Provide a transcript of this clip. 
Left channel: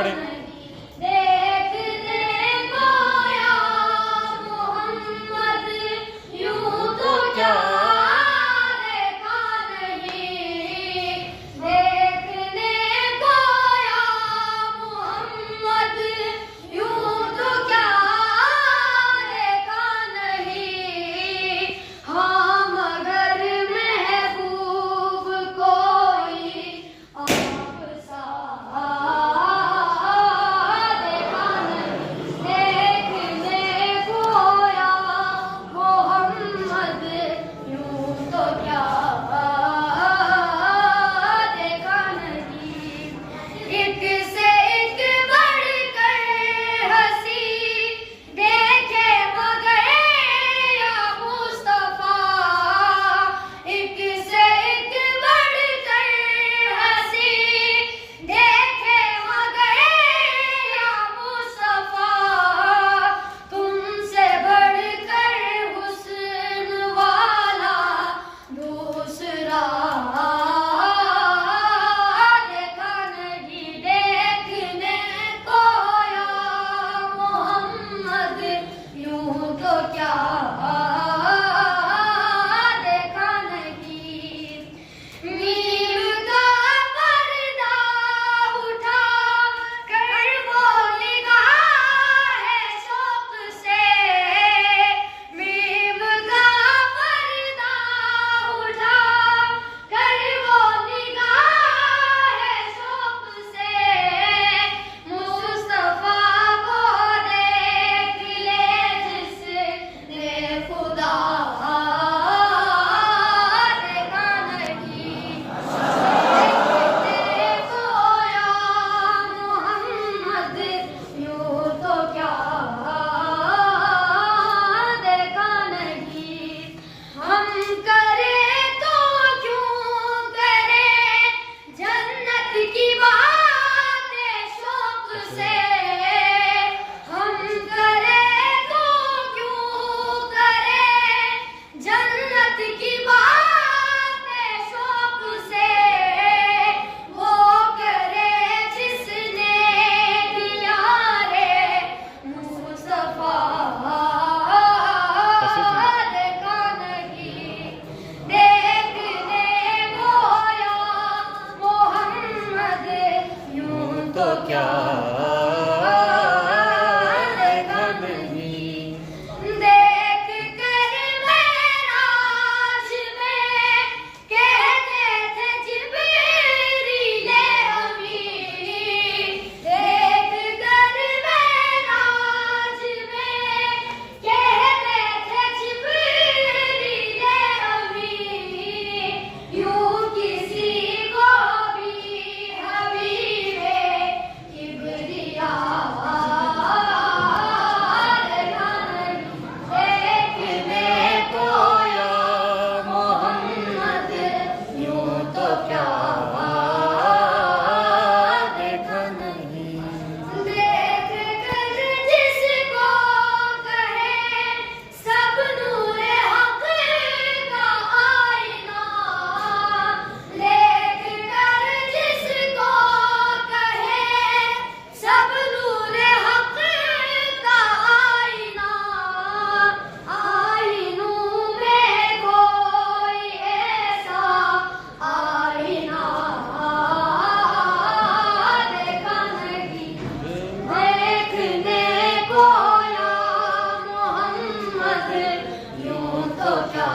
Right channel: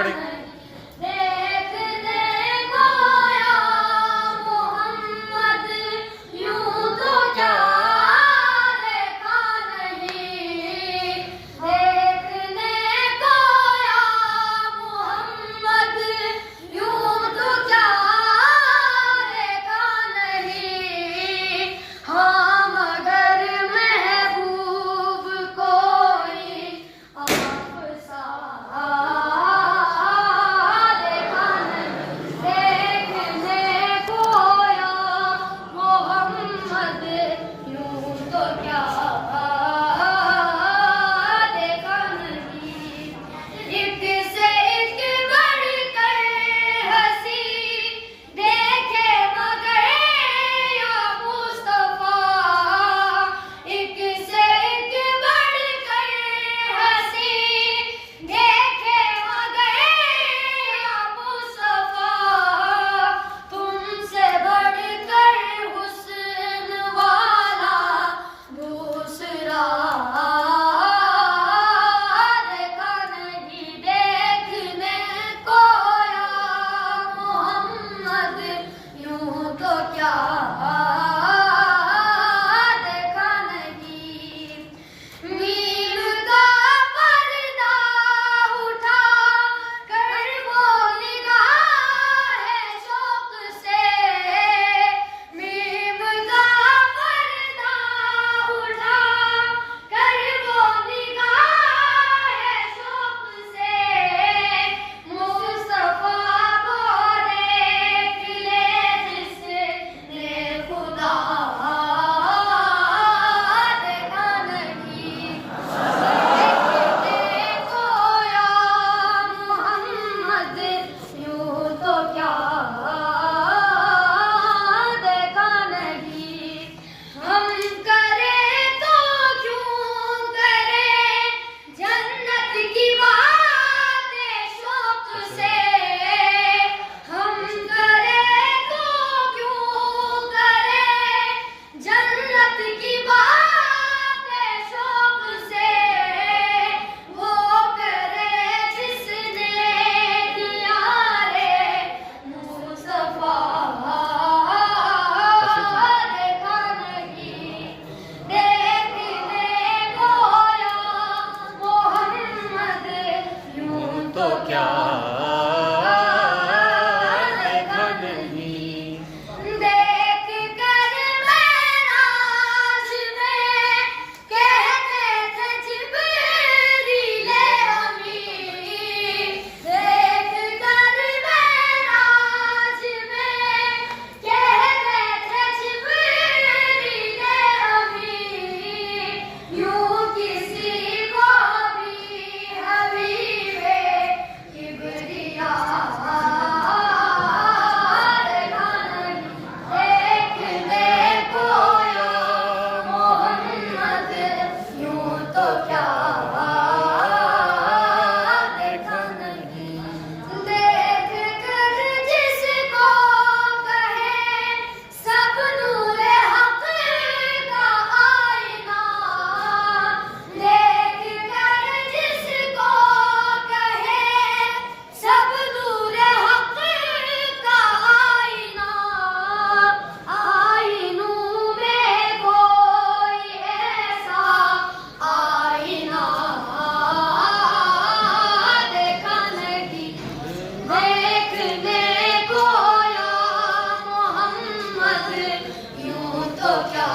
पढ़े। तो क्या देखा नहीं। देख कर मेराज में कहते थे जिब्रील अमीन। देख कर मेराज में कहते थे जिब्रील अमीन। यूं किसी को भी हबीबे किबरिया देखने को या मोहम्मद यूं तो क्या देखा नहीं। देख कर जिसको कहे सब नूरे हक का आईना। देख कर जिसको कहे सब नूरे हक का आईना। आईनों में कोई ऐसा आईना देखा नहीं। देखने को या मोहम्मद यूं तो क्या